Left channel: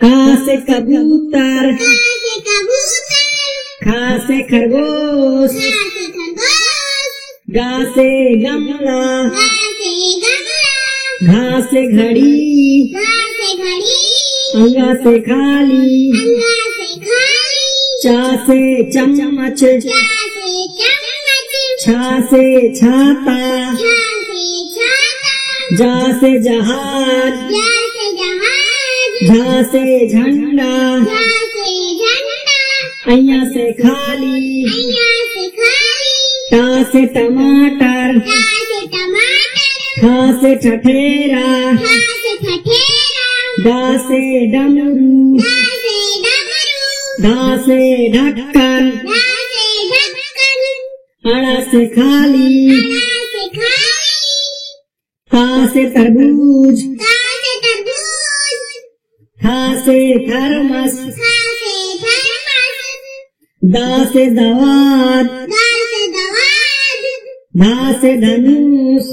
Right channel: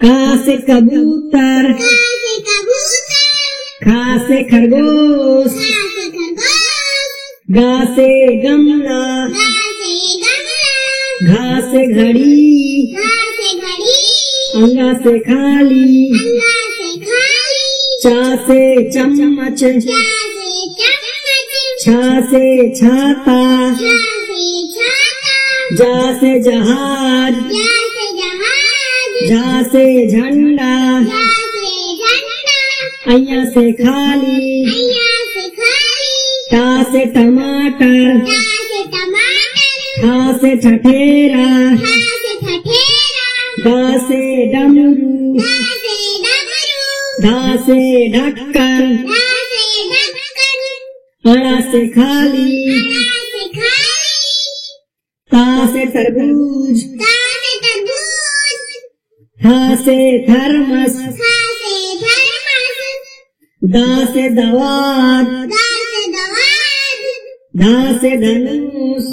का से कबूतर, खा से खरगोश, गा से गमला, घा से घड़ी, अंगा से खाली, चा से चम्मच, छा से छाता, जा से जहाज, झा से झंडा, अय्या से खाली, टा से टमाटर, ठा से ठठेरा, डा से डमरू, ढा से ढक्कन, अड़ा से खाली, था से तरबूज, था से थर्मस, दा से दवात, धा से धनुष,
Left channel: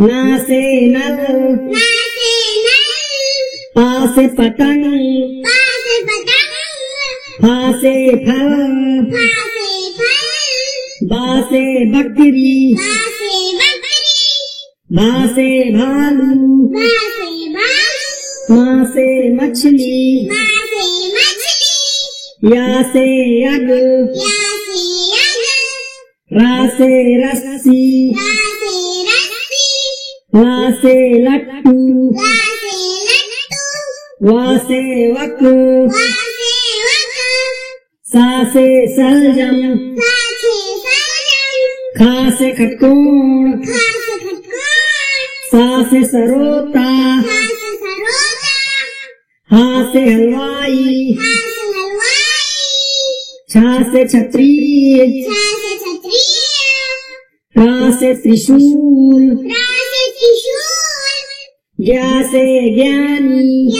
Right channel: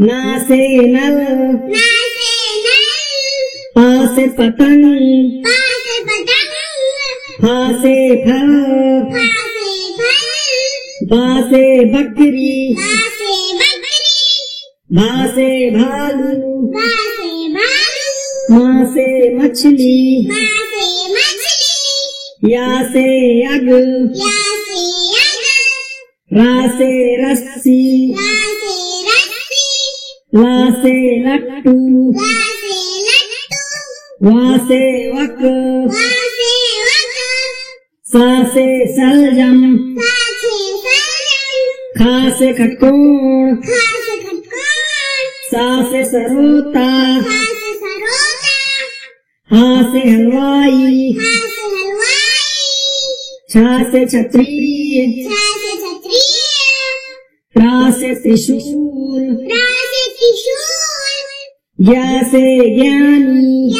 ना से नल, पा से पतंग, फा से फल, बा से बकरी, भा से भालू, माँ से मछली, या से यग, रा से रस्सी, ला से लट्टू, वा से वक, सा से सलजम, खा से खटकोण, सा से सरोता, हा से हलवाई, छा से छतरी, रा से त्रिशूल, ज्ञा से ज्ञानी,